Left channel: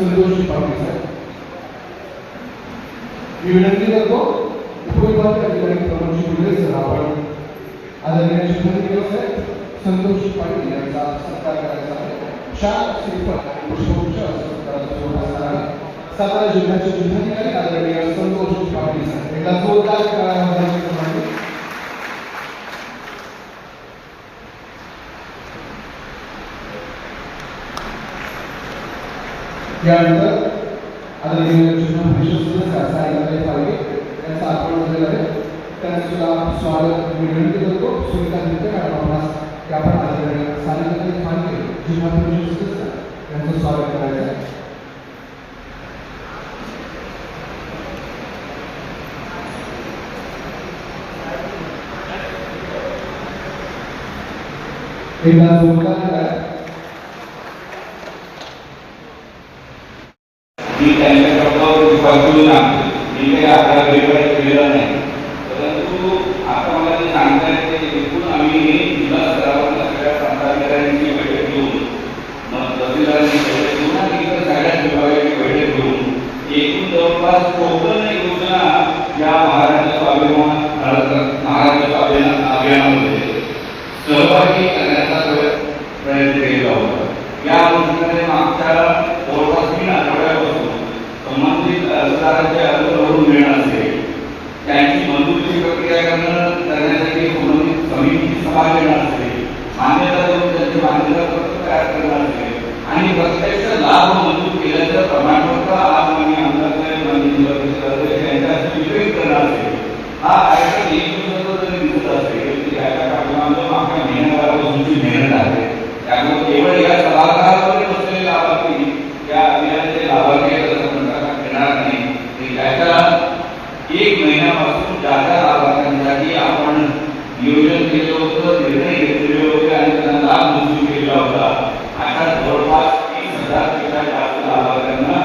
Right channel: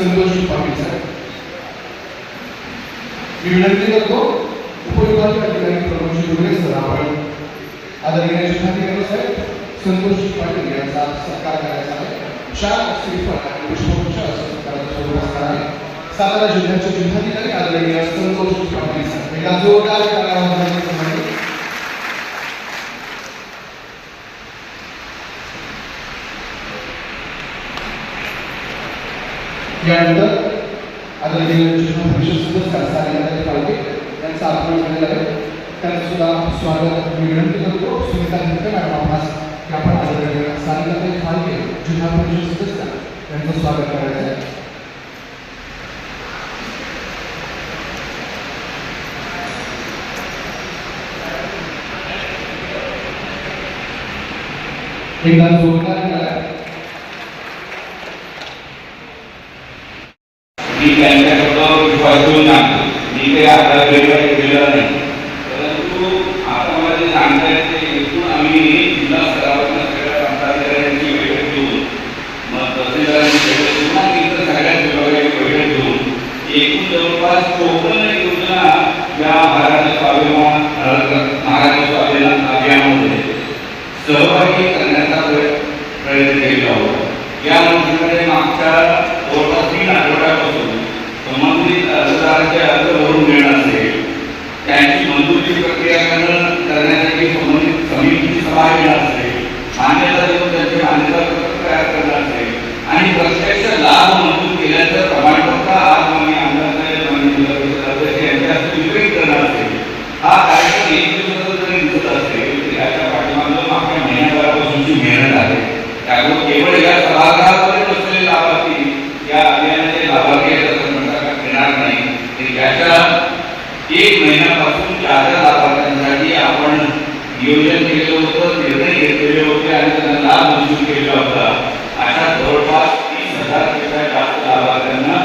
संतोष पाटील साहेब मी विनंती करतो उपविभागीय अधिकारी प्रमोद गुरुले सर आपण आदरणीय जिल्हाधिकारी साहेब संतोष पाटील यांचा सत्कार करायचा आहे। शाल श्रीफळ आणि पुष्पगुच्छ सत्काराचा स्वरूपात आहे। सातारा जिल्ह्याचे जिल्हाधिकारी आदरणीय संतोष पाटील साहेब एका जोरदार टाळ्यांमध्ये यानंतर आदरणीय जिल्हा परिषद सदस्य सारिकाताई फाळके यांचा आगमन झालेला आहे। त्यांना सुद्धा स्वागत मी विनंती करतो। सुनीता धुते मॅडम आपणास आपण आदरणीय सारिकाताई फाळके जिल्हा परिषद सदस्य यांचं स्वागत करायचं आहे। एकदा जोरदार मी त्यांच्याकडं विश्वास ठेवून मी काही आता वेगळं केलेलं नाही, परंतु आता मला जे सांगायचं एकूण आम्ही जिल्हा स्तरावर सगळ्या प्रांताधिकाऱ्यांची बैठक घेऊन मग तहसीलदारांची बैठक घेऊन आणि इतर सगळ्या विभागाची बैठक घेऊन एकूण जवळपास 54 योजना या महाराष्ट्र स्वाभिमान अभियानामध्ये सहभागी करण्याचा प्रयत्न केला होता। या योजनेकडे मागच्या जवळपास 3 आठवड्यापासून संबंधित अर्जदारांचे अर्ज भरून मिळणार असेल, त्यांची मंजुरी प्रक्रिया करण्यासाठी संबंधित समितीची सभा घेणार असेल, मान्यता देऊन त्यांचे मान्यता पत्र तयार करणार असेल आणि प्रत्यक्ष लाभ मंजूर केल्याचं प्रमाणपत्र आज आम्ही यांच्यासाठी वितरित करणार असेल। हा कार्यक्रम एक दिवसाचा जरी दिसत असेल याच्या पाठीमागे मागच्या महिन्याभरापासूनची मेहनत आहे। त्यामुळे केवळ या सभागृहामध्ये बसलेले लाभार्थी या अभियानाचे लाभार्थी घेणार नाही, तर याच्या 1 महिन्यापासून ज्या लाभार्थ्यांसाठी आपण नियोजन केलं होतं, निर्णय घेतलेले होते आणि त्यांना लाभ मंजूर केलेला होता, अशा जवळपास 30,000 पेक्षा जास्त लाभार्थ्यांना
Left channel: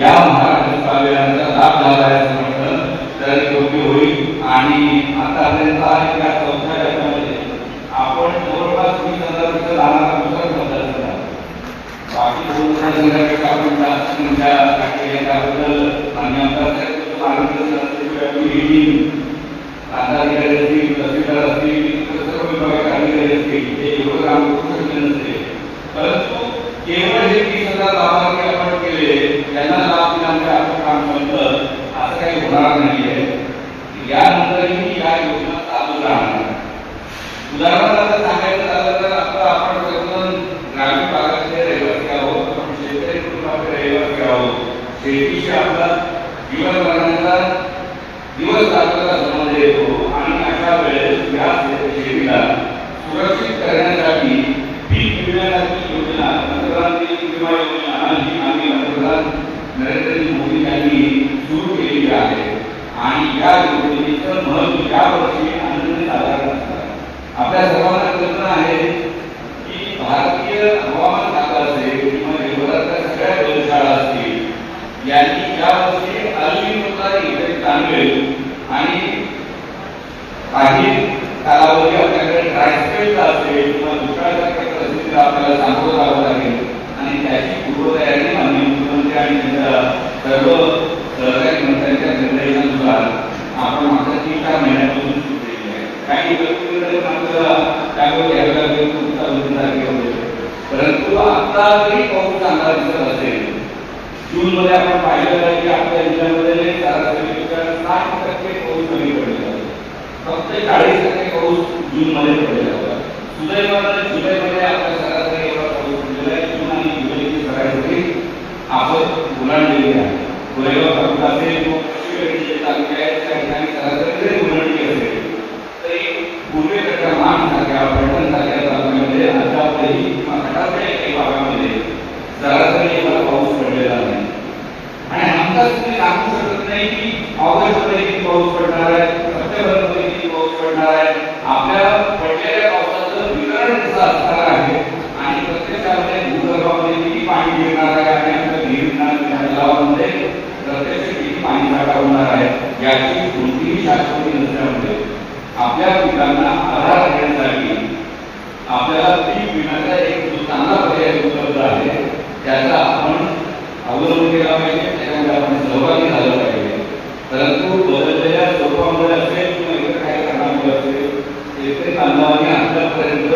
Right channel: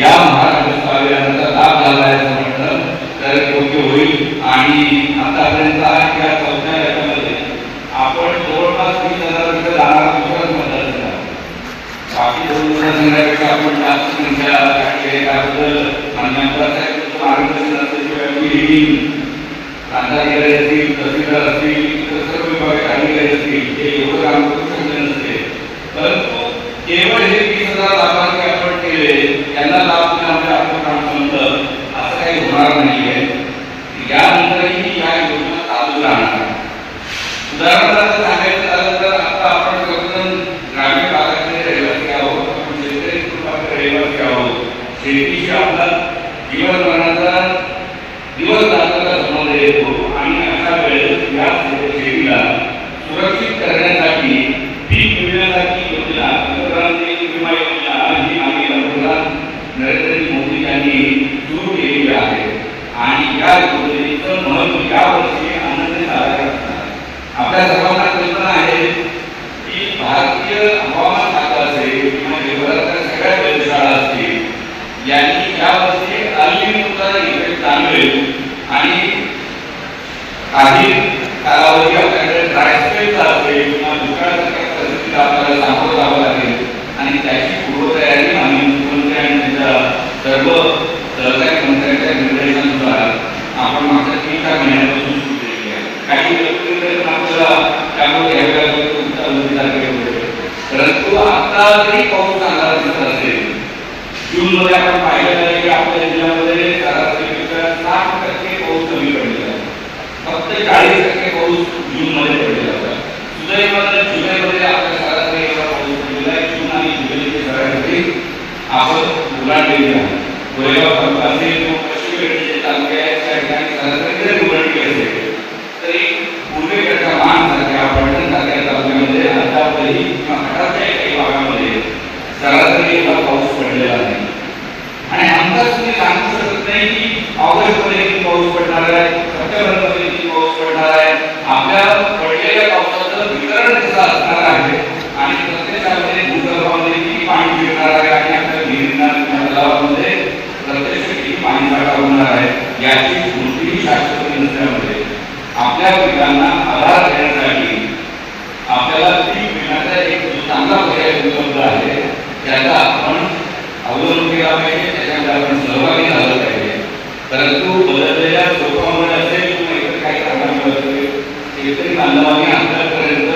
या महाराष्ट्र अभियानाचा लाभ झाला आहे असं म्हटलं तर योग्य होईल। आणि आतापर्यंत या 4थ्या वर्षामध्ये आपण जवळपास 20,000 पेक्षा जाणार बाकी 2,000 आपण जास्त संख्या टाकली त्याबद्दल मान्य आमदार साहेब आरोग्य प्रांताधिकारी असतील, तहसीलदार असतील, सर्व विभागाचे अधिकारी असतील, हे एवढं काम करू शकले नसते, परंतु केवळ हे 20,000 लाभार्थी आपण केले त्यांना लाभ देण्यामध्ये आपलं काम संपलं असं काही होणार नाही आहे। यानंतरही या योजना चालू राहणार। उदाहरणार्थ सांगायचं झालं तर आता आपण ग्रामीण भागातले रहिवासी आहोत, आपण शेतकरी कुटुंबातले रहिवासी आहोत, शेतीशी आपला दिवस रात्र संबंध येतो आणि अशा वेळेस या शेतीला सुरक्षित करण्यासाठी पीक विम्याची योजना, प्रधानमंत्री विमा योजना ही आम्ही पंतप्रधान नरेंद्र मोदी यांनी सुरू केलेली आहे आणि या योजनेचं महत्त्व यावर्षी आनंद साजरा करतात। आपल्या सर्वांना कल्पना आहे की भारतीय हवामान खातं असेल किंवा जगभरातल्या सगळ्या वेधशाळा असतील यांनी यावर्षी अल्निनोचा इफेक्ट जाणवेल आणि काही कालावधी आपल्याकडे ड्रायस्पेलचा असेल किंवा दुष्काळासारख्या परिस्थितीला आपल्याला सामोरं जावं लागेल आणि त्याची पूर्वतयारी आम्ही मुख्यमंत्री आणि त्यांच्या सर्व सहकारी मंत्र्यांच्या निर्देशानुसार आपण मागच्या 3-4 महिन्यापासून सुरू केली आहे। काही परंतु आता जरी पाऊस चांगला दिसत असेल, जून मध्ये आपण पाहिलेलं आहे की आपल्या जिल्ह्यामध्ये सरासरीपेक्षा 60% पाऊस कमी पडलेला आहे, फक्त 40% पाऊस जून मध्ये पडलेला होता। सुदैवाने जुलैमध्ये आपल्या सरासरी एवढा पाऊस जुलै, जून आणि जुलैची सरासरी आपण ओलांडलेली आहे। गोरेगाव तालुका असेल किंवा पश्चिमेकडचे तालुके आहेत त्या ठिकाणी सरासरी जरी ओलांडली असेल तरी पूर्वेकडच्या महानसारख्या पलटणसारख्या तालुक्यामध्ये अद्यापही किंवा घाटाच्या काही भागामध्ये सरासरी एवढा पाऊस पडलेला नाही। याची कोणतीही शास्त्रज्ञ नसल्यामुळे आपल्या पिकांना आधार देण्यासाठी आपल्याला पीक विम्याचा एक जो चांगला पर्याय उपलब्ध आहे त्याचा आपण अवलंब केला पाहिजे, त्याच्यामध्ये आपण सहभागी झालं पाहिजे. परंतु बदललेल्या स्वरूपामुळे असेल किंवा इतर काही कारणामुळे असेल शेतकरी बांधवांनी आतापर्यंत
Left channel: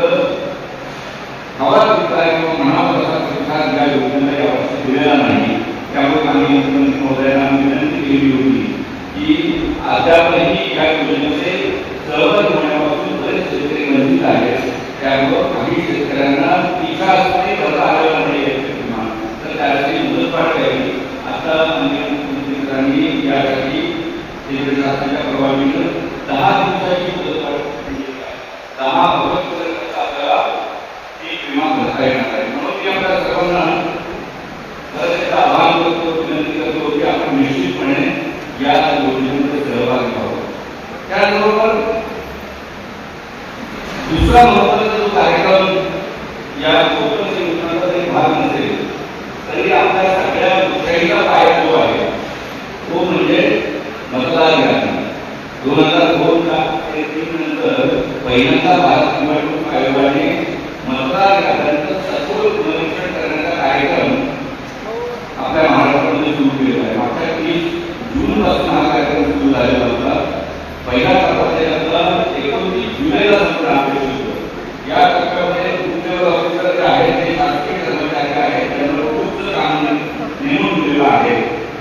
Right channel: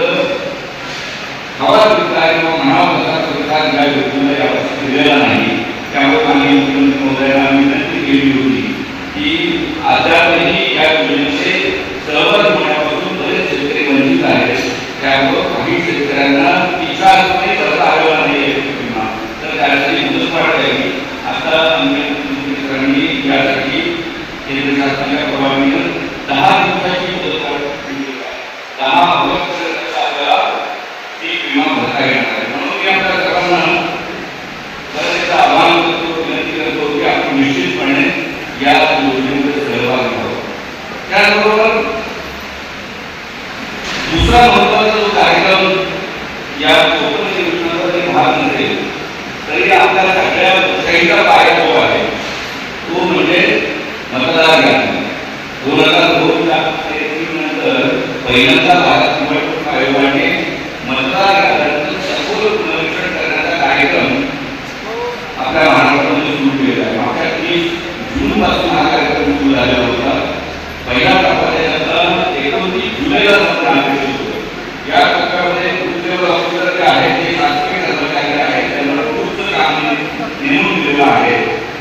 हवा पिकला किंवा म्हणावा तसा प्रतिसाद या योजनेला यावर्षी दिलेला नाही. त्यामुळे आम्ही मुख्यमंत्री महोदयांना विनंती केली होती की अद्यापही या योजनेचे सहभागी होण्यापासून बरेच शेतकरी वंचित आहेत. त्यामुळे काही शेतकऱ्यांना पिकासाठी करता आलेला नाही विमा, तर त्यासाठी मुदतवाढ द्यावी. आता मुख्यमंत्र्यांनी यासाठी केंद्र शासनाच्या परवानगीनं 10 दिवसाची मुदतवाढ दिली आहे. 10 ऑगस्टपर्यंत आपल्याला पीक विमा भरता येणार आहे. म्हणून मी आपल्या सर्वांना त्याचं आवाहन करतो, विनंती करतो की आपण निश्चितपणे या योजनेमध्ये सहभागी व्हावं. त्याचबरोबर दुसरा महत्त्वाचा जो कार्यक्रम या कोकण योजनेचा जरी भाग नसेल तरी आपल्या सगळ्या लोकशाहीचा पाया जो आहे तो म्हणजे मतदार यादी. 2002-03 नंतर पहिल्यांदा भारत निवडणूक आयोगाने मतदार याद्यांचं सखोल पुनरीक्षण करण्याचा कार्यक्रम आपल्या महाराष्ट्रामध्ये सुरू केला आहे. मागच्या 30 जूनपासून हा कार्यक्रम सुरू झालेला होता. पहिला टप्पा त्याचा 29 जुलैला संपणार आहे. या टप्प्यामध्ये उद्योग ऑफिसर जे आहेत ते शासकीय कर्मचारी आहेत, त्यांना खूप काम नेमून दिलेलं आहे.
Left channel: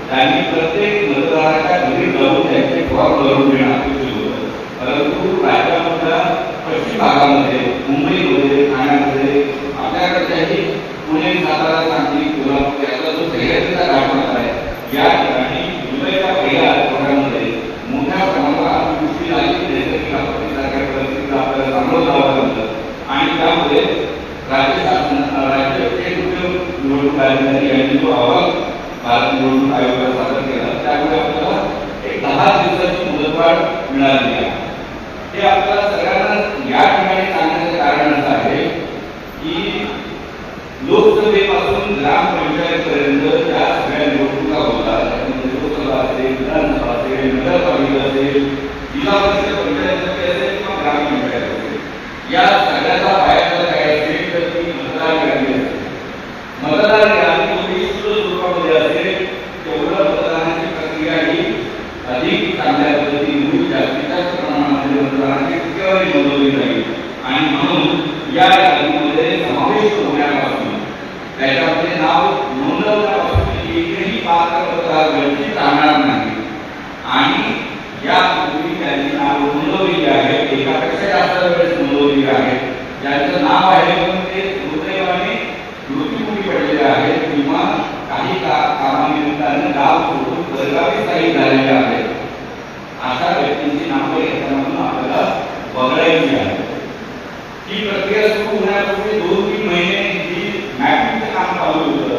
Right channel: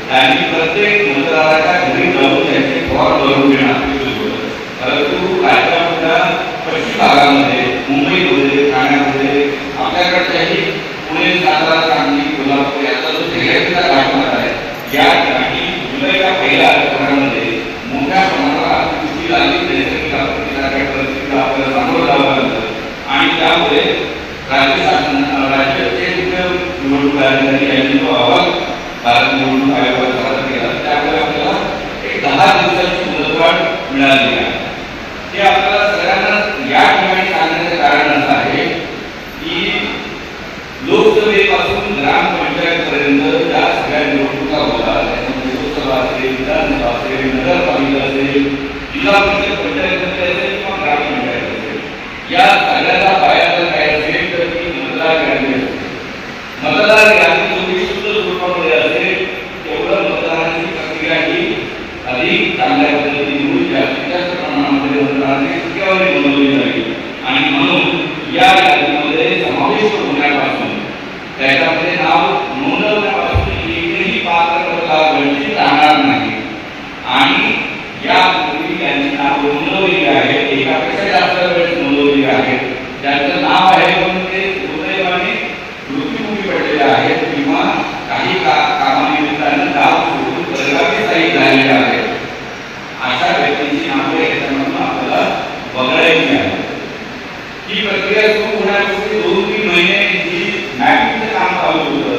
त्यांनी प्रत्येक मतदाराच्या घरी जाऊन त्यांचे फॉर्म भरून घेणं अपेक्षित होतं. परंतु राज्यामधल्या पश्चिम भागामध्ये, मुंबईमध्ये, ठाण्यामध्ये, आपल्याकडच्याही पुणे, सातारा, सांगली, कोल्हापूर याचा जो शहराचा भाग आहे या ठिकाणी जुलैच्या पहिल्या आठवड्यामध्ये मोठ्या प्रमाणावर अतिवृष्टी झाली, नैसर्गिक आपत्तीसारख्या परिस्थितीला आपल्याला सामोरं जावं लागलं आणि त्यामुळे राज्य शासन राज्याचे निवडणूक अधिकारी यांनी जो अहवाल भारत निवडणूक आयोगाला सादर केला त्यामुळे आपल्याला एक 10 दिवसाची मुदतवाढ मिळाली आहे. हे आपल्याला सगळ्यांना या ठिकाणी सांगण्याचं कारण असं आहे की लोकसभेपासून ग्रामपंचायतपर्यंत ज्या सगळ्या निवडणुका होतात, त्याच्यामध्ये लोकसभा असेल, विधानसभा असेल, नगरपालिका असेल, जिल्हा परिषद पंचायत असेल किंवा ग्रामपंचायत असेल, या सगळ्याचा पायाला काय असेल तर ती मतदार यादी असते. मतदार यादी जेवढी शुद्ध स्वरूपामध्ये असेल तेवढं मतदानाची प्रक्रिया ही अधिक चांगल्या पद्धतीने होईल, जास्तीत जास्त प्रमाणामध्ये मतदानाची टक्केवारी नोंदवली जाईल आणि म्हणून या यादीमध्ये समावेश होण्यापासून त्याच्यामध्ये नाव नोंदवण्यापासून एकही पात्र मतदार वंचित राहणार नाही. आणि या पूर्वी त्यांची नाव नोंदवलेली आहे, एकापेक्षा जास्त वेळेस नोंदवलेली आहे, ज्यांचं नाव आहे पण ते दुर्दैवाने मृत्युमुखी पडलेले आहेत किंवा काही कामानिमित्तानं गाव सोडून परगावी स्थायिक झालेले आहेत, अशा व्यक्तींची नावे याच्यामधून आपल्याला वगळायची आहे. ही प्रक्रिया सुरू होण्यापूर्वी 2-3 महिने ही मॅपिंगचं काम चालू होतं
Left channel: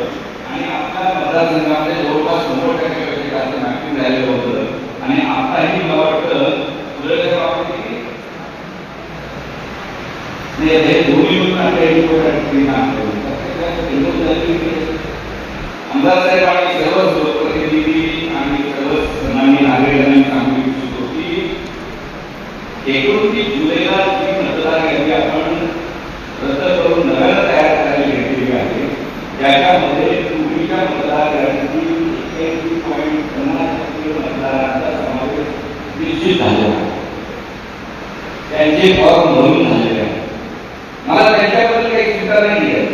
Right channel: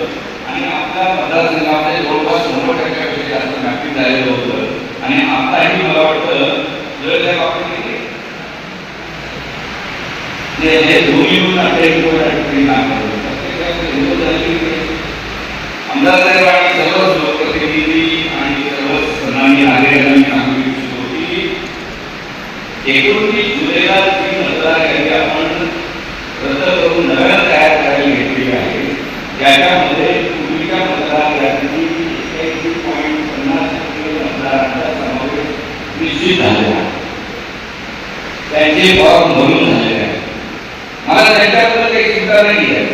आणि आपल्या मतदारसंघामध्ये जवळपास 100% जास्त मॅपिंग झालेलं होतं आणि आताही मला वाटतं जर आपण हे दोन्ही म्हणून काम करतो. आमदार साहेब आणि सर्व लोकप्रतिनिधी आणि सर्व सन्माननीय नागरिकांनी सांगू इच्छितो की 29 जुलैला जी मतदार यादी आपण रद्द करून नव्या तयार करायला घेतलेली आहे, ज्याच्यामध्ये पूर्वीच्या मतदार यादीची 81.50% मतदारांचा समावेश निश्चित झालेला आहे. त्यांचे फॉर्म भरून झालेले आहे. मला त्यांच्याबद्दल काही चिंता नाही आहे.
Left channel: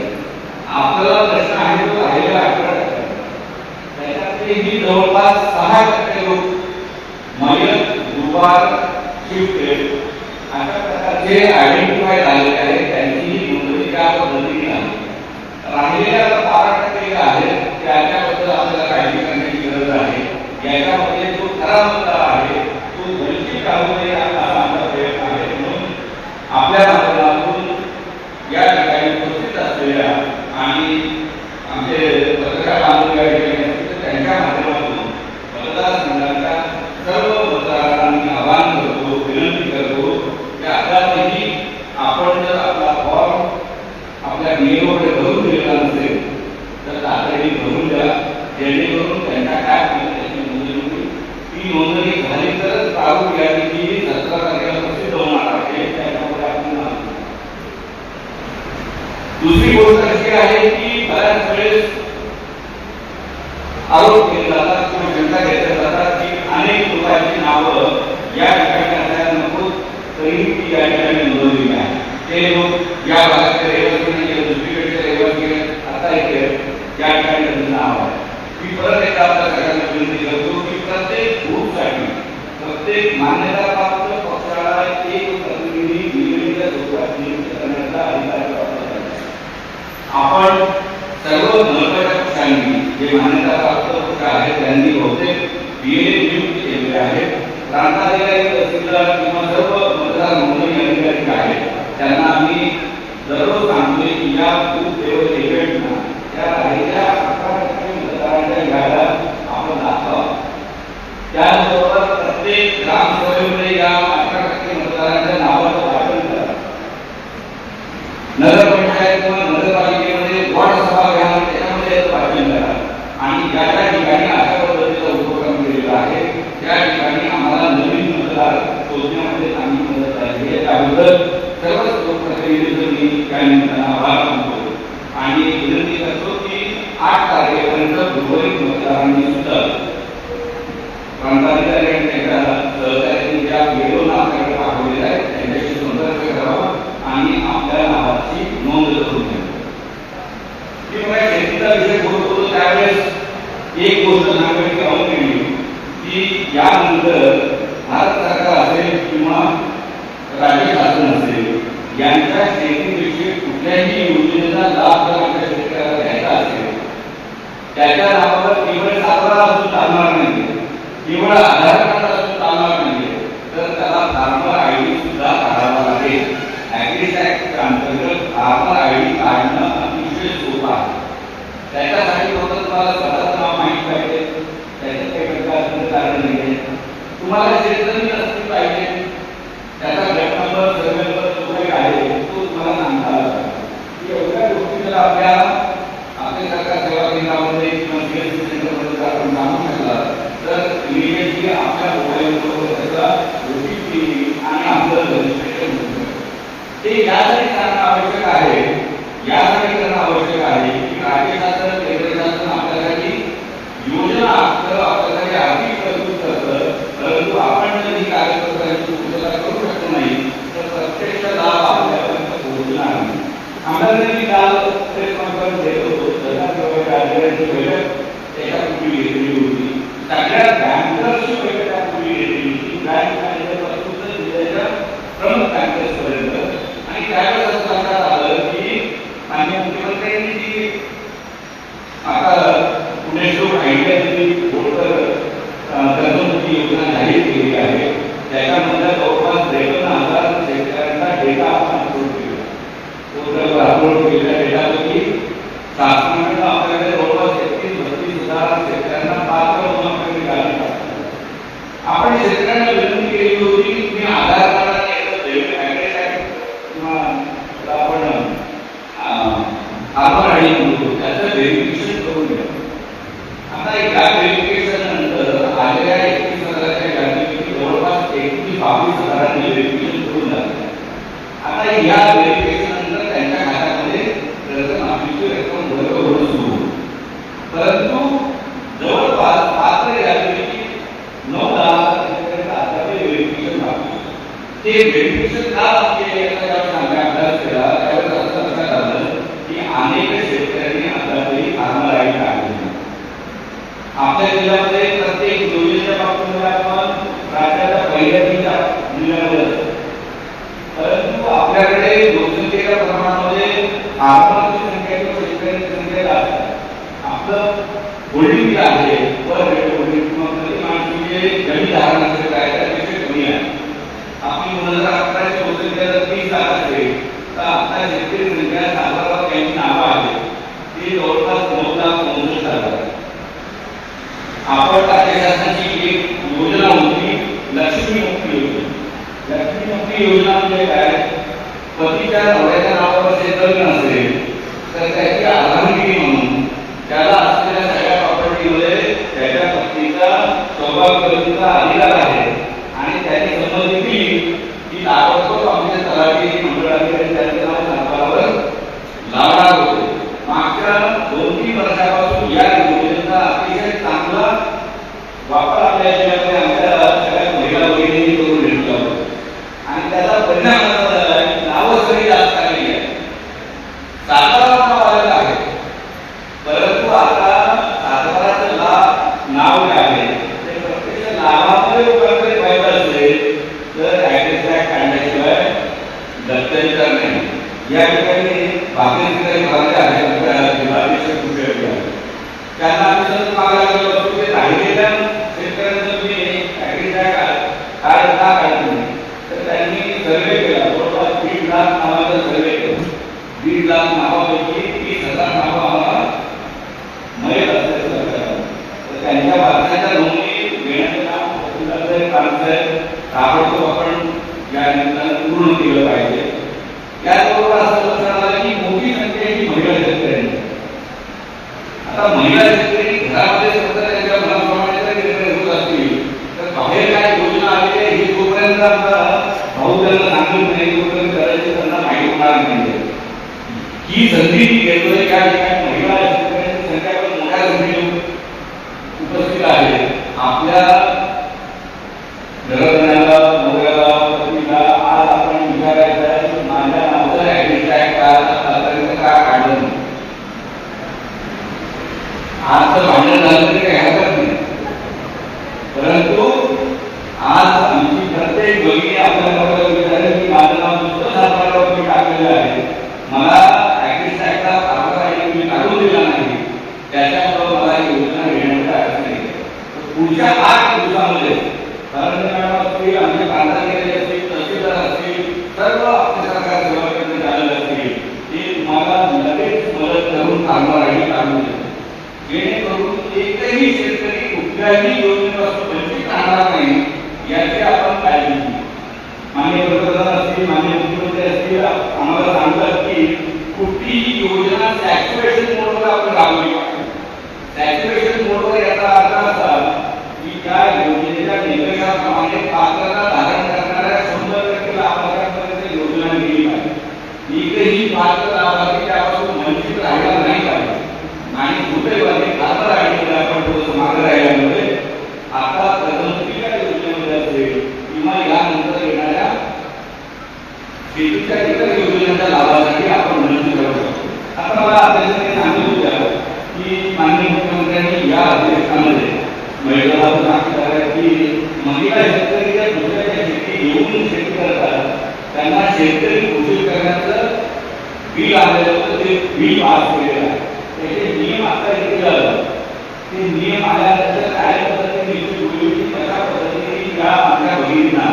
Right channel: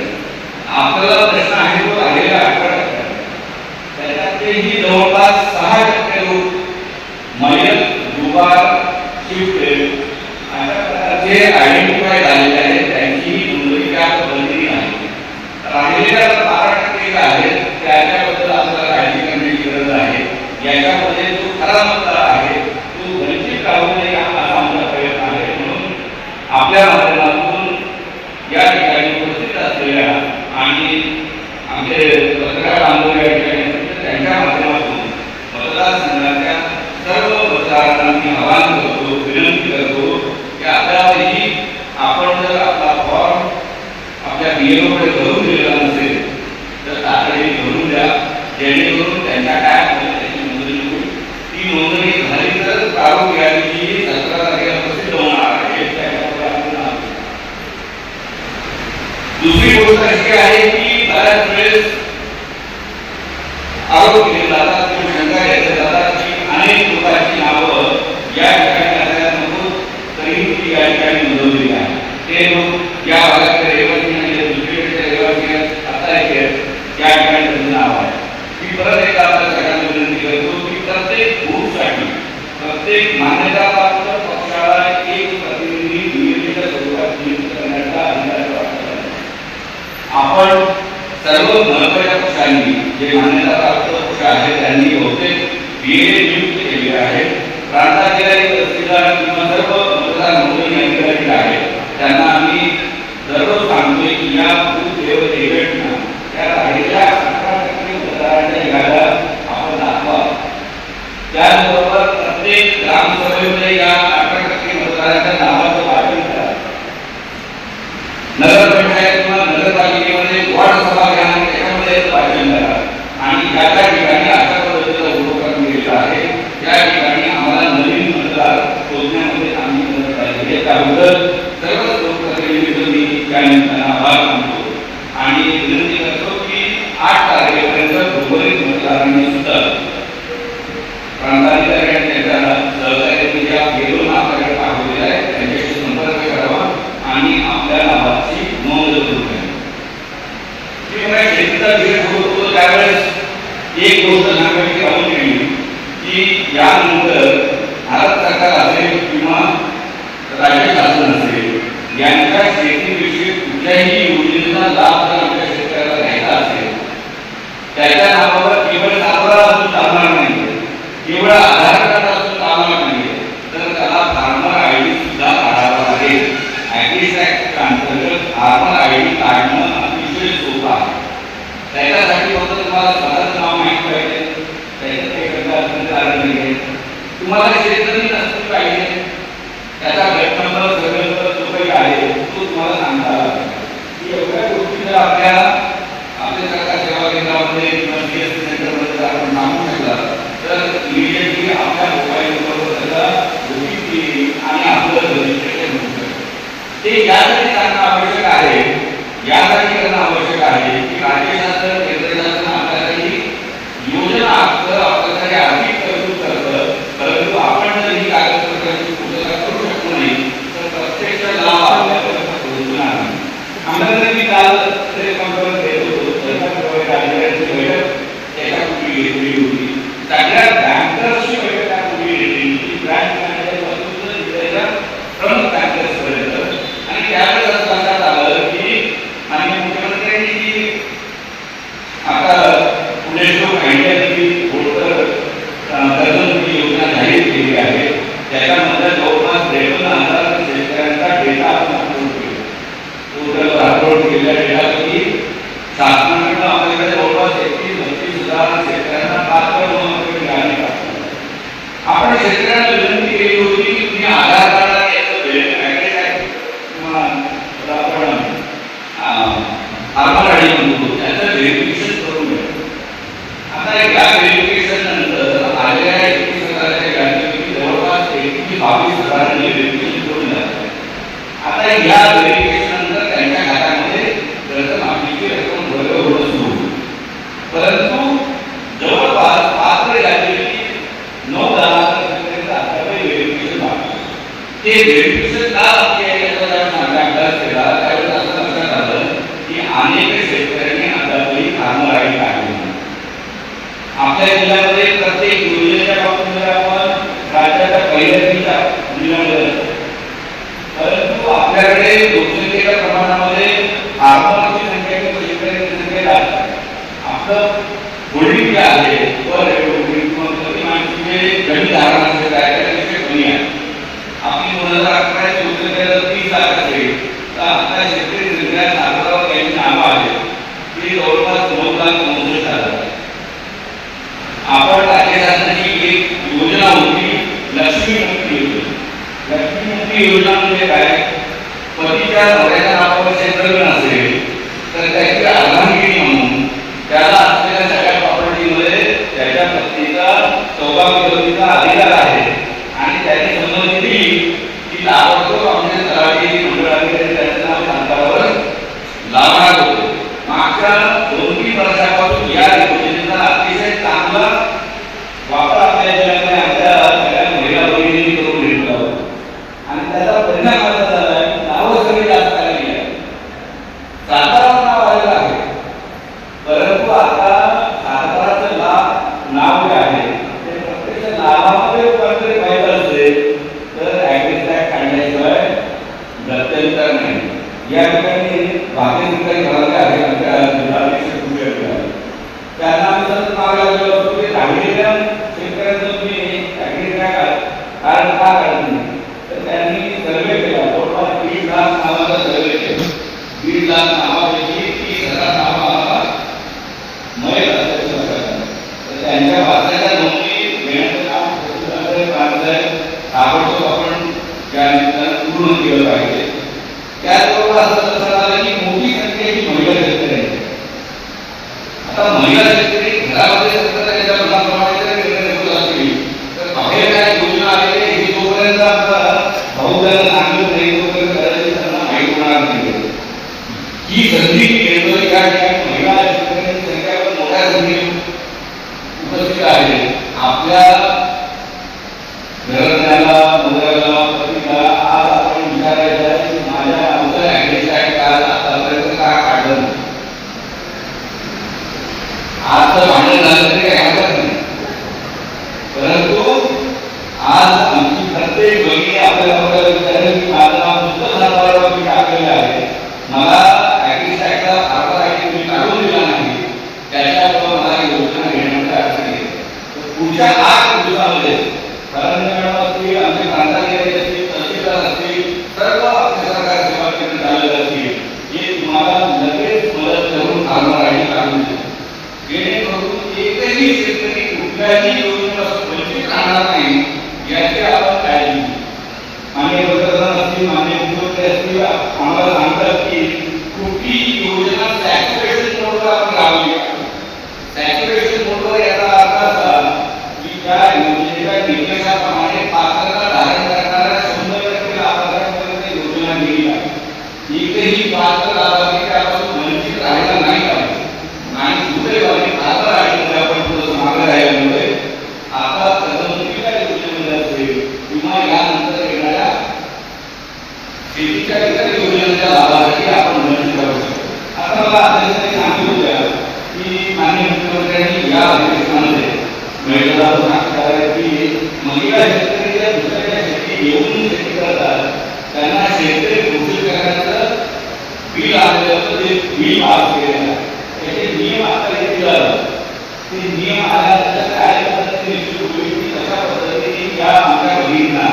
आपल्याला प्रश्न आहे तो आलेला 18%. त्याच्यातही जवळपास 6% लोक मयत, दुबार, शिफ्टेड अशा प्रकारचे आयडेंटिफाय झालेले आहेत. त्यांचीही नोंदणी त्या पद्धतीने आहे. राहिलेल्या 12% आहेत त्याच्याबद्दल आपल्याला काळजी करण्याची गरज आहे. याच्यामध्ये जो खरा मतदार आहे तो वंचित राहू नये असा आमचा प्रयत्न आहे. म्हणून आपल्या माध्यमातून या ठिकाणी उपस्थित असलेल्या आणि आमचे पत्रकार बांधव या ठिकाणी असतील त्यांच्या माध्यमातून मतदारसंघाच्या सर्व मतदारांना मी आवाहन करतो, विनंती करतो की आताही आपण जर आपला फॉर्म आपल्या बीएलओकडे भरून दिलेला नसेल तर तातडीने भरून द्या, जेणेकरून त्यांच्या काय त्याची नोंदणी होईल. ती नोंदणी झाली आपण सर्व महत्त्वाच्या पक्षांनी जे मान्यता प्राप्त पक्ष आहेत त्यांनी बहुतेक बीए नियुक्त केलेले आहेत. प्रांताधिकारी तहसीलदार किंवा सर्व मतदार नोंदणी अधिकारी आहेत त्यांना आम्ही दररोज सांगतोय की या बूथ लेवल एजंटना त्या राहिलेल्या 18% मतदारांच्या याद्या आपण दाखवा. त्याचबरोबर प्रत्येक ग्रामसभेमध्ये या 18% मतदारांच्या नावाचं वाटप करा. नगरपंचायत किंवा नगरपालिकेमध्ये वॉर्ड सभा घ्या आणि त्याच्यामध्ये वाचन करा. आणि ज्या ज्या ठिकाणी अशा पद्धतीचा उपक्रम केलेला आहे त्या ठिकाणी आम्हाला नवीन मतदार शोधण्यामध्ये आम्ही मदत झाली आहे. त्याबद्दल सर्वच लोकप्रतिनिधींचं मी त्या निमित्तानं आभार मानतो आणि विनंती करतो की 8 तारखेपर्यंत उर्वरित मतदारांनी सुद्धा प्रांताधिकारी आणि त्यांच्या सहकार्यांनी ज्या गेलो नावाकडे पाठवलेल्या आहेत त्यांच्याशी संपर्क करावा आणि आपल्या नावाची नोंद करून घ्यावी. शेतीचा विषय सुरू होतो त्यावेळेस एक गोष्ट सांगायची राहून गेली की यानंतर भारत सरकार असेल किंवा राज्य शासन असेल यांच्या शेतीविषयी कुठल्याही योजनेचा लाभ जर आपल्या शेतकऱ्याला घ्यायचा असेल त्याच्या नावावर केवळ सातबारा असून चालणार नाही, केवळ आधार कार्ड असून चालणार नाही, तर त्याला फार्मर आयडी सुद्धा काढावा लागेल. ॲग्री ॲक्ट अंतर्गत फार्मर आयडी काढणं अतिशय सोपं आहे. त्याच्यासाठी फक्त तुम्हाला स्वतःचं नाव माहिती पाहिजे, त्याचं काही करता कारण नाही आहे. तुम्हाला शेतकरी नसली पाहिजे, त्याचा गटनंबर सर्वेनंबर जो काही आहे तो तुम्हाला सांगता आला पाहिजे. एवढ्या गोष्टी जर आपल्या सरकार सेवा केंद्रामध्ये किंवा सीएससी सेंटरमध्ये जर आपण सांगू शकला तर इमिडिएटली आपल्या मोबाईलवर त्याचा OTP आणि आपलं रजिस्ट्रेशन होऊ शकतं. ते यासाठी करणं आवश्यक आहे, यासाठी करणं आवश्यक आहे की राज्य शासन केंद्र शासन आपल्यासाठी योजना आपल्यासाठी आर्थिक तरतूद करतं, परंतु आपण जर ही कागदपत्रांची पूर्तता करू शकतो नाही तर प्रत्यक्ष लाभ आपल्यापर्यंत पोहोचणार नाही. आम्हाला मी काल प्रेस कॉन्फरन्स घेत होतो, राज्याची बैठक त्याच्यापूर्वी घेतलेली होती. सगळ्या बँकर्सची बैठक त्यापूर्वी घेतलेली होती, बँक मॅनेजरपासून जिल्ह्याच्या प्रमुख बँकर्सपर्यंत. आणि त्यावेळेस असं लक्षात आलं की माननीय मुख्यमंत्र्यांनी जी आता पुणे जो माहिती बोर्डवर कर्जमुक्ती योजना जाहीर केली आहे त्याच्यामध्ये जवळपास 53,000 शेतकऱ्यांचा डेटा आपण अपलोड केला. पोर्टलवर अपलोड केलेल्या डेटापैकी शासनाकडून आपल्याकडे जवळपास 31-32,000 शेतकऱ्यांना पात्र आपल्याकडे मिळाले. आपण शेतकऱ्यांना विनंती केली होती की तुम्ही आधार कार्ड आणि याचं किंवा आपण फार्मर आयडी म्हणतो त्याचं व्हेरिफिकेशन करून घ्या. आता या व्हेरिफिकेशन नंतर आलेल्या 31,000च्या यादीपैकी जवळपास 22,000 व्हेरिफिकेशन करून झालं. आता या व्हेरिफिकेशन नंतर त्यांच्या खात्यामध्ये कर्जमाफीची रक्कम वर्ग होणं सुरू होईल. परंतु जवळपास पात्र यादीपैकी 9,000 शेतकऱ्यांचं आतापर्यंत व्हेरिफिकेशन बाकी. ते व्हेरिफिकेशन का बाकी आहे याचा आपण अभ्यास केला त्यावेळेस असं लक्षात आलं की अनेक शेतकऱ्यांनी आतापर्यंत फार्मर आयडी काढली नाही. आपल्या जिल्ह्यामध्ये प्रत्येक योजनेच्या बाबतीत आपण राज्याच्या पहिल्या जिल्ह्यामध्ये असतो, परंतु आपल्याकडे लोकसंख्येच्या प्रमाणामध्ये फार्मरची संख्या किंवा शेतकऱ्यांची संख्या जास्त आहे. आपलं होल्डिंग जे आहे पर होल्डिंग किंवा प्रति माणूस जे गणित धारण असेल आहे त्यापेक्षा कमी आहे. आपली 2011 ची लोकसंख्या जर 30,000 असेल तर आता शेतकरी संख्या सातबारा त्यांची नावं आहेत ती जवळपास 9,69,000 आहे. आपण राज्य शासनाची एक योजना होती लक्ष्मीमुखी योजना. लक्ष्मीमुखी योजना म्हणजे काय? पतीच्या नवऱ्याच्या नावावर शेतकरी असेल तर त्याची अर्धांगिनी म्हणून त्याला असलेल्या सगळ्या प्रॉपर्टीमध्ये त्याच्या पत्नीचा सौभाग्यवतीचा अधिकार आहे आणि त्याने संमती दिली की ताबडतोब आमच्या तलाठी मंडळ अधिकारी त्यांच्या नावावर लावणार होतो. मागच्या 2-3 वर्षापासून या योजनेचा अतिशय चांगला वापर आपल्या जिल्ह्यामध्ये आपल्या सगळ्या महिला भगिनींनी करून घेतला आणि त्याचा परिणाम असा झाला की नावं सगळी जास्त आली आहे. झाड का काढत नाही, तर त्यांनी सर्वे केला. जवळपास 1,50,000 नावाचा सर्वे केला. 1,50,000 नावापैकी 30,000 नावा मयत असल्याचं लक्षात आलं. तर त्यांच्या वाचण्याच्या नोंदी घेण्याचं काम ताबडतोब आपण या निमित्तानं पूर्ण केलं पाहिजे. त्याचबरोबर असं लक्षात आलं की मोठी संख्या ही महिला शेतकऱ्यांची. आता महिला शेतकरी घरामध्ये सतत त्याच्या मनाप्रमाणे जर निर्णय होत असतील तर बाहेर काय योजना आलेली आहे ही जोपर्यंत भाऊ त्यांना सांगत नाही तोपर्यंत करायची त्यांना माहीत होणार नाही. ही संधी घेतोय या ठिकाणी महिला शेतकऱ्यांची संख्या पण मोठ्या संख्येने उपस्थित आहे. आपल्या घराण्याला नवऱ्याला पतीला आज आपण विचारायचं आहे की माझ्या नावाचं ऍड्रेस आहे का आतापर्यंत का काढलं. आज तर भांडण झालं तरी काय हरकत नाही, परंतु आज आमची प्रत्येक मुलगी आपल्याला विचारेल की माझं नाव नुसतं सरकारवरती टाकलेलं आहे, मला ऍग्रीस ऍक्टला आधार आहे तुम्ही काढून दिला नाही, त्याच्याबरोबर मला योजना घेण्याची अडचण येते. पुढच्या 8 दिवसामध्ये सरंजाम असतील, आमचे प्रांताधिकारी असतील, तहसीलदार असतील, सर्व आपल्या सरकार सेवा केंद्र झालेले असतील, हे तुम्हाला लगेच मदत करून आधार आय डी काढून देतील. जेणेकरून एकही शेतकरी कुठल्याही योजनेपासून वंचित राहणार नाही याची आपण काळजी घेऊ. मान्य पंतप्रधान असतील, मान्य मुख्यमंत्री असतील, आम्हाला सांगतात की कुठलीही योजना सॅच्युरेशन मोडवर आपण राबवली पाहिजे. सॅच्युरेशन मोडवर याचा अर्थ असा की त्या योजनेच्या निकषाप्रमाणे पात्रता धारण करणाऱ्या 100% लाभार्थ्यांपर्यंत योजना गेली पाहिजे. एकही पात्र लाभार्थी त्यापासून वंचित राहिला नाही पाहिजे. आणि दुर्दैवाने आधार आयडीमध्ये आपण थोडंसं मागे राहिल्यामुळे आता प्रधानमंत्रीच्या योजनेमध्ये असेल किंवा यानंतर येणाऱ्या शेतीच्या इतर योजनांच्या लाभासाठी आपण वंचित राहू शकतो. आता मला अध्यक्षांनी सांगितलं होतं की माननीय मुख्यमंत्र्यांनी या अधिवेशनामध्ये महिला सांगतात की महिला शेतकरी जर दुसऱ्याच्या शेती घेऊन शेती करतात त्यांना शेतकरी घोषित करण्याचं बिल आलेलं होतं, ते बिल पास केलेलं. त्याचे नियम आता येतील. ते नियम आल्यानंतर काय पद्धतीने निश्चित होईल की कशा पद्धतीने ज्या आमच्या भगिनींना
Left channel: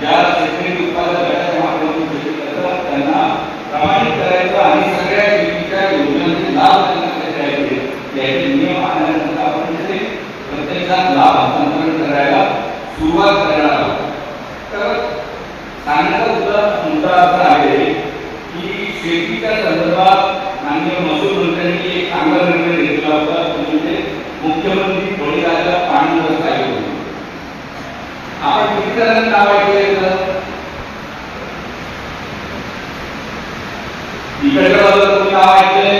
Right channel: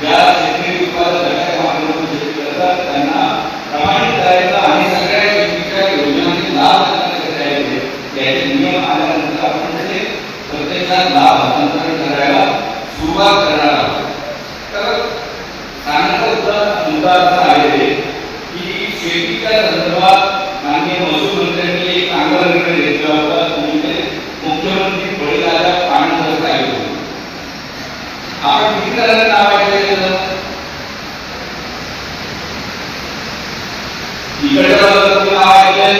ज्या शेतकरी उत्पादक गटाच्या माध्यमातून शेती करतात त्यांना प्रमाणित करायचं आणि सगळ्या शेतीच्या योजनांचे लाभ त्यांना कसे द्यायचे याचे नियम आल्यानंतर आपण ते प्रत्यक्षात लाभ हस्तांतरण करायला सुरुवात करणार आहोत. तर सांगण्याचा मुद्दा असा आहे की शेतीच्या संदर्भात माननीय महसूल मंत्र्यांनी एक चांगला निर्णय घेतला होता, म्हणजे मुख्यमंत्री बळीराजा पाणी व्यवस्था योजना. आपण किती जणांना नाव ऐकलं? इकडच्या बाजूला नाव ऐकलंय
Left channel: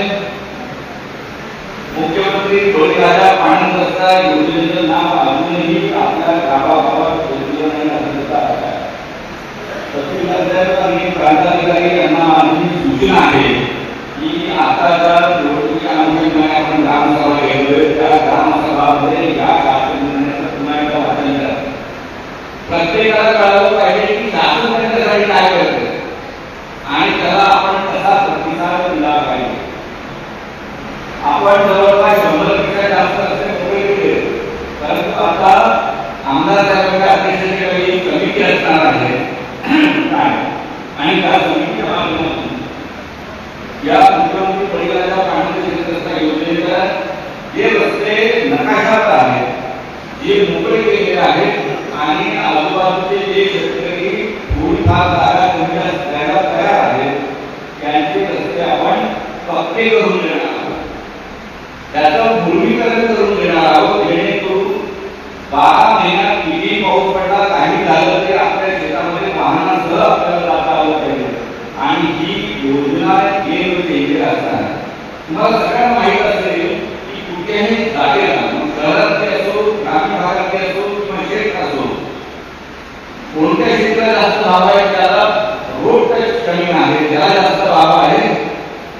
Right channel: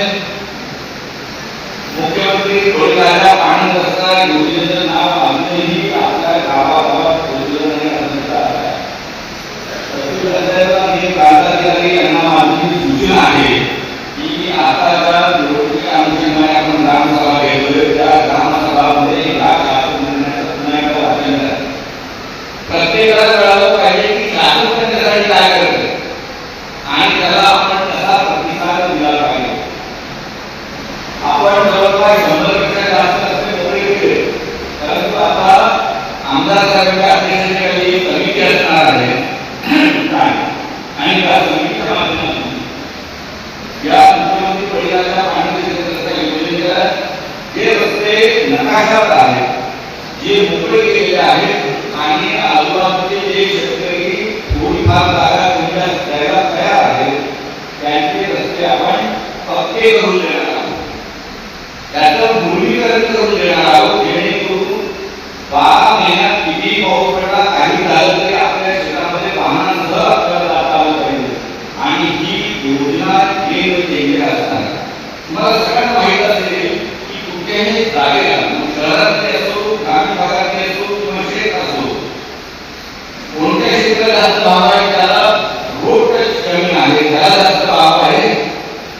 मुख्यमंत्री बळीराजा पाणी व्यवस्था योजनेचं नाव अजूनही आपल्या गावागावात पोहोचलं नाही असं आहे. तहसीलदार आणि प्रांताधिकारी यांना आमची सूचना आहे की आताच्या निवडणुकीच्या अनुषंगाने आपण ग्रामसभा घेतोय, त्या ग्रामसभामध्ये या प्रत्येकाला कळावं पाहिजे की शासन त्याच्यासाठी काय करते आणि त्याला आपण कसा प्रतिसाद दिला पाहिजे. आपण जवळपास 100पेक्षा जास्त असणे मोठे केले, परंतु आता आमदार साहेबांच्या अध्यक्षतेखाली समिती असणार आहे आणि त्या समितीच्या माध्यमातून या मुख्यमंत्री बळीराजा पाणी रस्ता योजनेच्या जे रस्ते नकाशात आहेत, जे मोकळे केलेले आहेत आणि आजूबाजूचे जे शेतकरी थोडीफार जागा तुमच्या द्यायला तयार आहेत त्यांचे रस्ते आपण पक्के करून देणार आहोत, त्याचं भूमीकरण करून देणार आहोत. जेणेकरून 12 महिन्यात किती पाऊस पडला काही झालं तरी आपल्या शेतामध्ये वाहनांसह आपल्याला जाता आलं पाहिजे. आणि ही योजना असणार. मला सगळ्यांना माहित असेल की कुठल्याही जागेला शहरातले असो, ग्रामीण भागातले असो किंवा शेत असो, कोणत्या क्षेत्राला जास्त भाव आहे त्याला रोड टच जमीन आहे, त्याला जास्त भाव आहे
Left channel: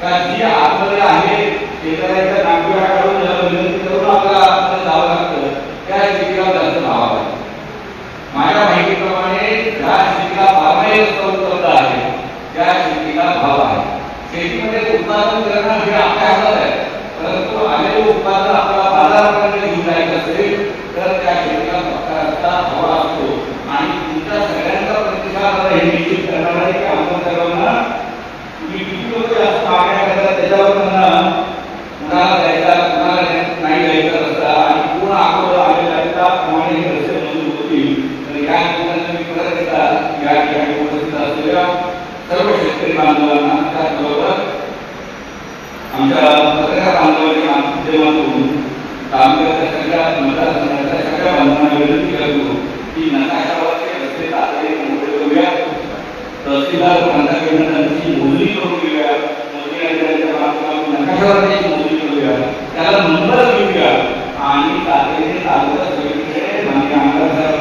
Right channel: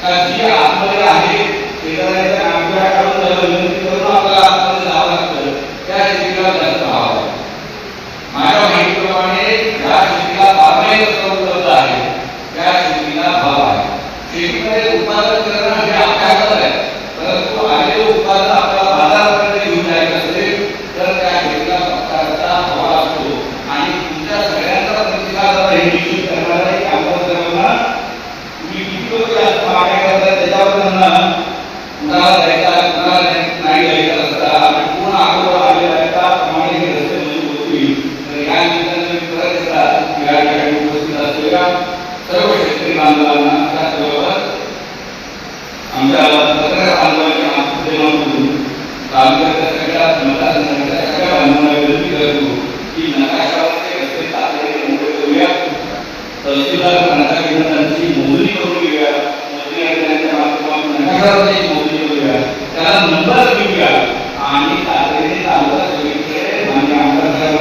का जी आतमध्ये आहे शेतकऱ्याच्या नांगऱ्या काढून विनंती करून आपल्याला आतमध्ये जावं लागतं त्या शेतीला जास्त भाव आहे. माझ्या माहितीप्रमाणे ज्या शेतीला पाणी उपलब्ध आहे त्या शेतीला भाव आहे. शेतीमध्ये उत्पादन करणं म्हणजे आपल्या हातात आहे, परंतु आलेले उत्पादन आपल्याला बाजारापर्यंत घेऊन जायचं असेल तर त्या शेतीला प्रकारचा भाव असतो आणि तुमच्या आंदोलनात त्याचबरोबर आमच्या पत्रकार आंदोलनाच्या माध्यमातून तालुक्याच्या सगळ्या मतदारसंघाच्या सगळ्या बांधवांना विनंती करतो की नकाशावरचे रस्ते तातडीने मोकळे करूया, तहसीलदार नकाशाची मोजणी करून घेऊया, मोजणी अधिकाऱ्यांच्या माध्यमातून नकाशावरची मोजणी करूया, त्याला नंबर देऊया आणि तातडीने तालुका सोयीकडे मान्य आमदार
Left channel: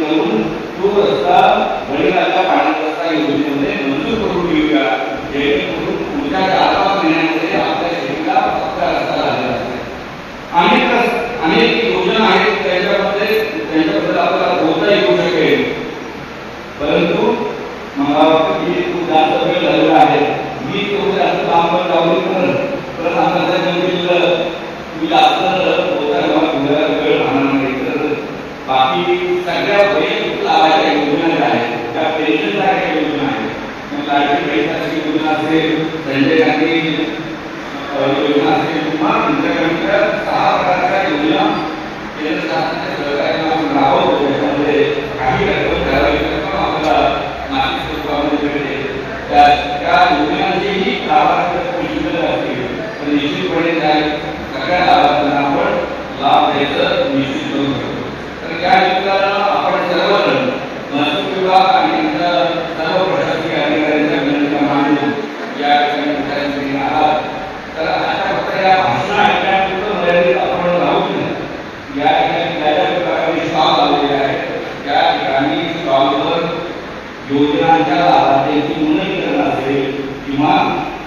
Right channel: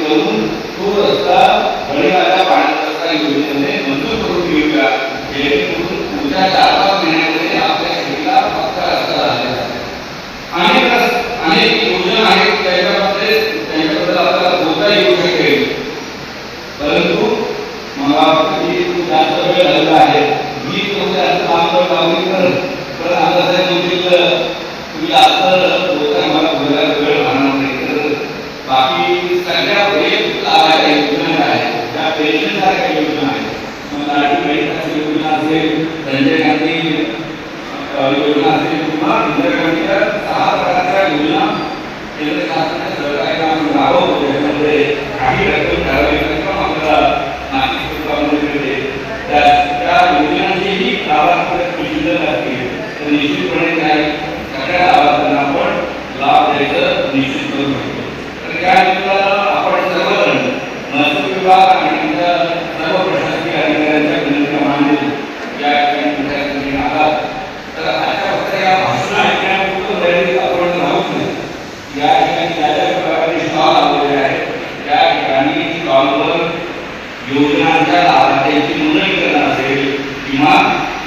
करून तो रस्ता बळीराजा पाण्याचा रस्ता योजनेमध्ये मंजूर करून घेऊया, जेणेकरून पुढच्या 4-5 महिन्यांमध्ये आपल्या शेतीला पक्का रस्ता झालेला असेल. अनेक योजना आहेत त्यांच्याबद्दल आपल्याला बोलता येऊ शकेल, परंतु मला खूप जास्त वेळ झालेला आहे. 20 वर्षाचं काम लावली तर आता तुम्ही जास्त बोलायला वेळ राहणार नाही. तर बाकी सगळ्या वैयक्तिक लाभाच्या योजना आहेत, त्या पेन्शनसारख्या योजना आहेत, लाडकी बहीण योजना असेल, संजय गांधी योजना असेल किंवा इंदिरा गांधीच्या 6 प्रकारच्या योजना केंद्र शासनाच्या सहकार्याने आपण राबवतो, ज्याच्यामध्ये काही रक्कम ठराविक रक्कम आपल्याला मासिक स्वरूपामध्ये मिळते. त्या योजनांचेही लाभार्थी शिल्लक असतील तर निश्चितपणे त्या सगळ्या लाभार्थ्यांना आपण लाभ द्यायचं निश्चित करू शकतो. तर त्या योजनेला आपण सर्वजण महसूल विभाग आणि आमच्या सर्व प्रशासकीय अधिकाऱ्यांच्या विनंतीप्रमाणे या ठिकाणी आहात. तर अशा फक्त या भाषण ऐकण्यापुरतं मर्यादित आपण राहू नये. या ठिकाणी ज्या प्रकारे स्टॉल आलेले आहेत त्या ठिकाणी स्टॉलवर योजनांच्या लाभार्थ्यांची नोंदणी करणं असेल किंवा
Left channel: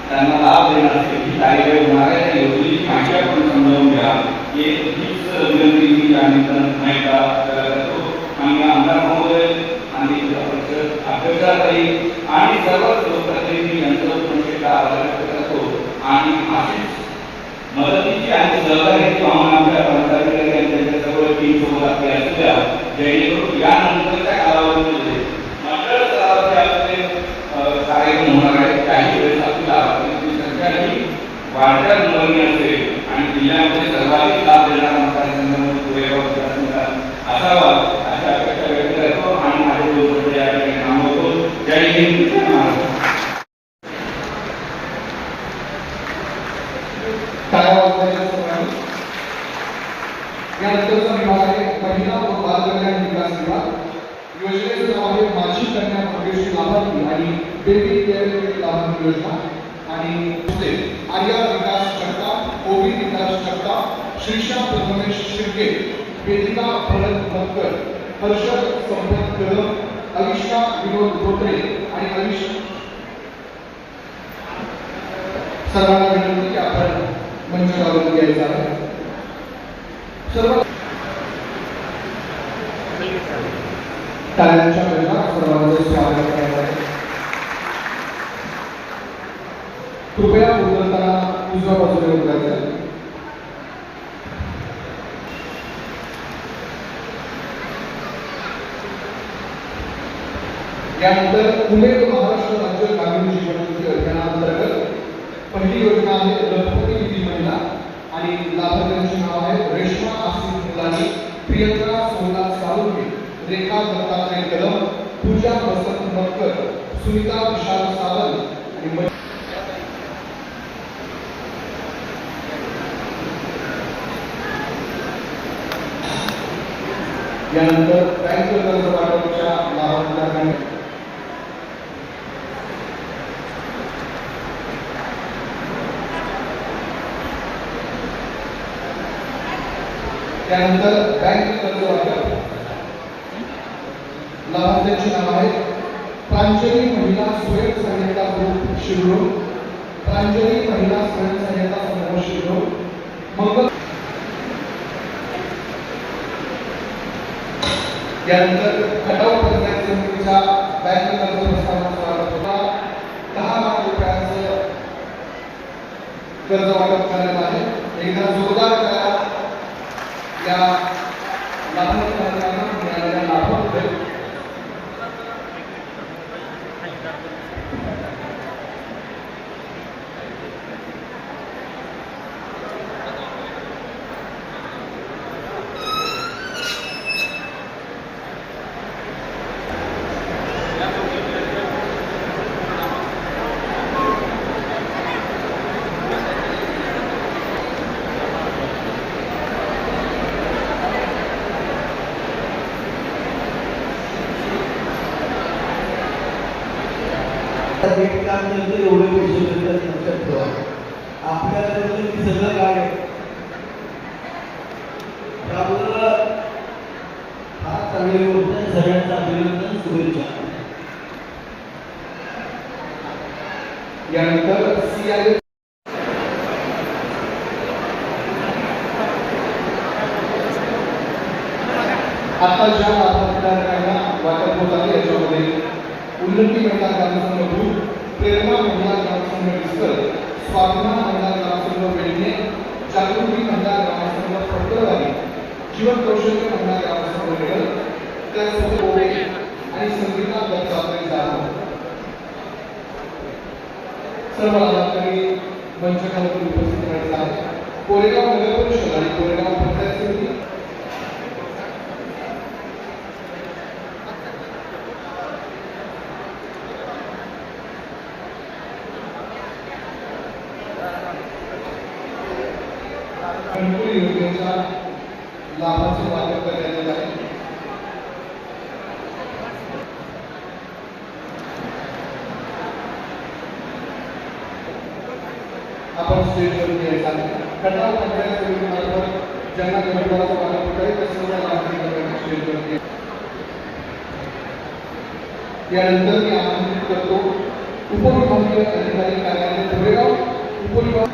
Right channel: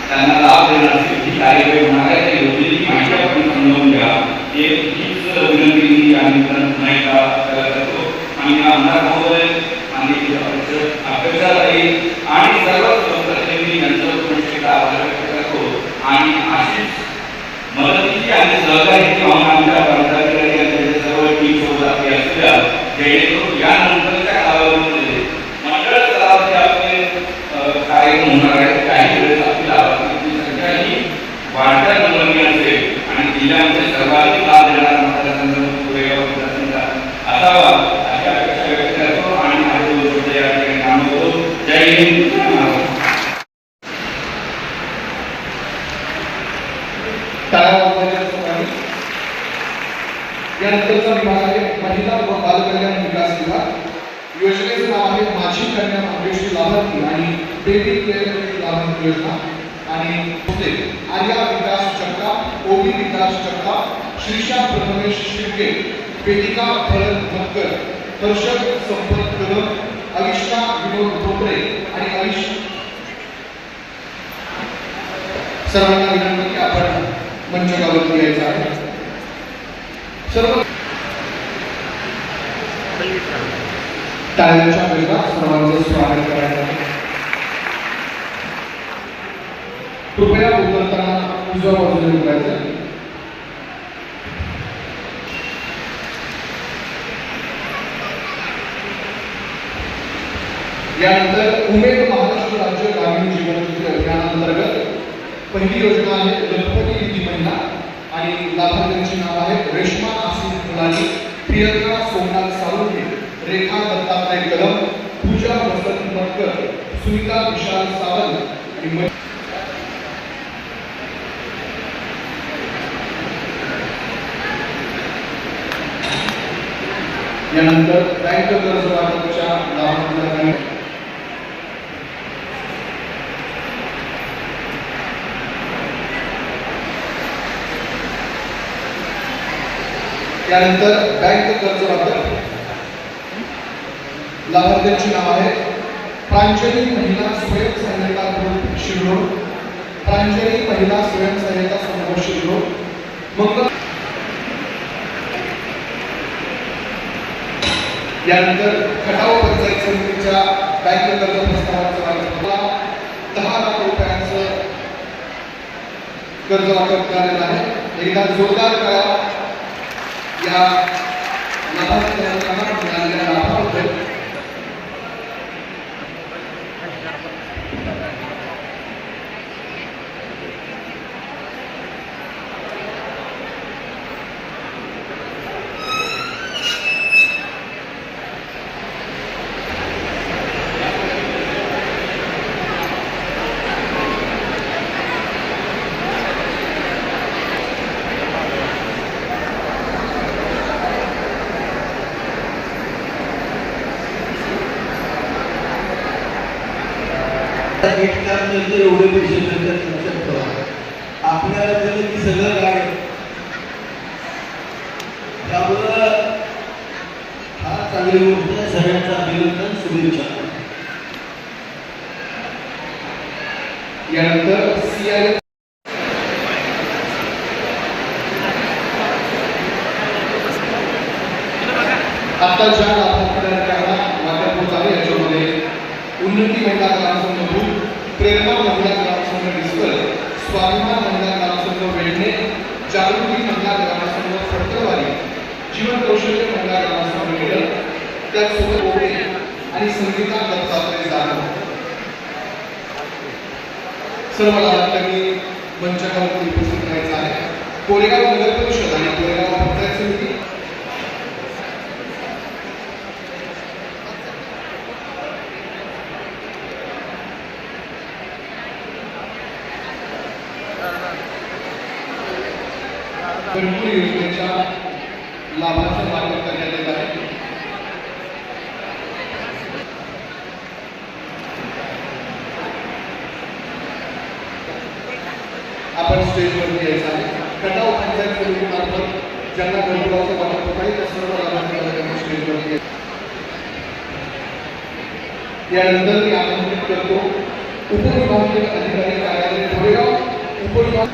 त्यांना लाभ देणं असेल, ही कार्यक्रम होणार आहे, त्या योजनेची माहिती आपण समजावून घ्या. एक हीच विनंती मी या निमित्तानं माहिती करतो. माननीय आमदार महोदय, माननीय अध्यक्षाताई आणि सर्व सहकार्यांनी यांच्यावर विशेष आभार व्यक्त करतो आणि अशीच मदतीची आणि सहकार्याची भावना आमच्या पदाधिकारी यांच्या सर्व टीम सोबत असल्या, जेणेकरून यानंतरच्या कालावधीमध्ये मंडळ स्तरावरचे आपले कार्यक्रम होणार आहेत. काही वेळेस आपली लाभार्थ्यांची संख्या ही वाढत्या नमुने असेल आणि जिल्ह्यामध्ये सर्वाधिक लाभ देणारा मतदारसंघ पुरेगाव मतदारसंघ असावा अशी अपेक्षा व्यक्त करतो आणि माझे 2 शब्द या ठिकाणी थांबवतो. जय हिंद, जय महाराष्ट्र. यानंतरचा विभाग आहे महिला व बालकल्याण विकास विभाग. योजनेचं नाव आहे माझी कन्या भाग्यश्री लाभार्थी आणि बेबी केअर लाभार्थी योजना. आणि आर्या विकास जगताप, ओबी विकास जगताप, श्रीषा प्रथमेश शिर्के, वेदिका भरत मक्कर, हर्षद संपत कदम, अलिशा विनोद धोत्रे आणि अलिश. सर्वांना विनंती की आपण मंचावरती यायचं आहे. सर्व टाळ्यांच्या गजरात सर्वांचं स्वागत करण्यात आलं. कृपया बोलताना तुझ्या बाजूने उभारायचं. यानंतर उमेद महाराष्ट्र राज्य ग्रामीण जीवन ज्योती अभियानांतर्गत पहिली योजना आहे लखपती निधी महिला आणि लाभार्थ्यांची नाव आहे रेश्मा आसिफ मुलानी, प्रियंका सोमनाथ सावंत, रेखा दत्तात्रय कदम, पूजा वसंत मटकर, सुनीता विशाल सावंत. यानंतर बँक कर्ज वाटपाच्या लाभार्थ्यांना त्यानंतर बँक कर्ज वाटप लाभार्थ्यांची नाव आहेत प्रांजली महिला स्वयं सहाय्यता ग्रुप शिरोळ, प्रांजली महिला स्वयं सहाय्यता समूह शिरोळ, मंगल. यानंतर खटाव पंचायत समितीच्या बँक कर्ज प्रस्तावाचा 10 लाख रुपयांचं कर्ज वाटप करण्यात आहे. एकदा जोरदार करा या लाभार्थ्यांना मिळालेल्या लाभाबद्दल. एक काम नंतर एवढे पैसे मिळतात लक्षात ठेवा. आपल्याला जर ती सगळं काय त्यामुळं फार चांगली गोष्ट आहे. सगळ्यांचं अभिनंदन, शुभेच्छा. यानंतर CI आता ज्या आपल्याला वाटप होत आहे याच्यामध्ये उन्नती महिला ग्रामसंघ भूल, प्रेरणा महिला ग्रामसंघ डिस्कल, स्वाभिमान महिला ग्रामसंघ वेढणे, जागृती महिला ग्रामसंघ फडकरवाडी, जीवन कौशल्य महिला ग्रामसंघ वेढण, त्याचसोबत ओढे आणि संगीता दत्तात्रय जाधव सर्व लाभार्थ्यांनी मंचावरती उपस्थित राहायचं आहे. कोरेगाव नगर परिषद आणि कोरेगाव पंचायत समिती घरकुल योजनेच्या लाभांचा वापर करण्यात येत आहे. आपण स्टेजवरती यायचा आहे. खटाव पंचायत समितीमार्फत ज्यांना घरकुलाचं वाटप होत आहे त्या सर्व लाभार्थ्यांना स्टेजवरती यानंतर मी आमंत्रित करतो उपविभागीय अधिकारी कार्यालय कोरेगाव उपविभाग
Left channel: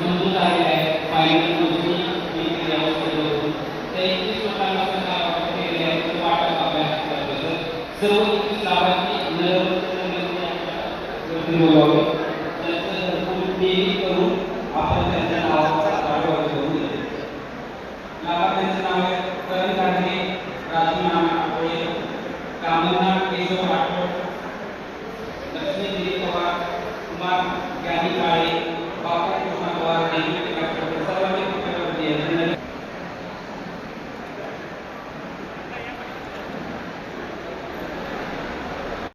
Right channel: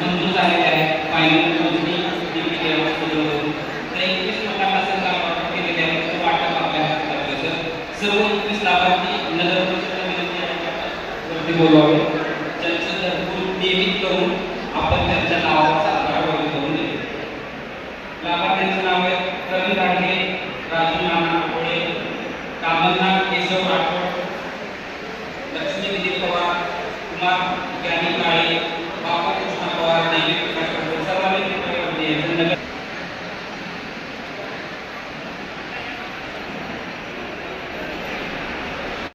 मंजूर झालेले आहे. फायनल मंजूर केलेली आहे. तर 21 लोकांना सरकार केलेले आहे. वाटप आपल्या सर्व 21 लाभार्थी बोलावे. त्यांचं घरकुल नियमित करून आपण त्यांच्या नावाचा आढावा घेऊन देतो. लाभार्थ्यांचं नाव आहे करण राठे, राजू नाना आठवडे, कामलनाथ केशव राठोड, लक्ष्मी दिलीप पवार, कुमार ज्ञानी काळे,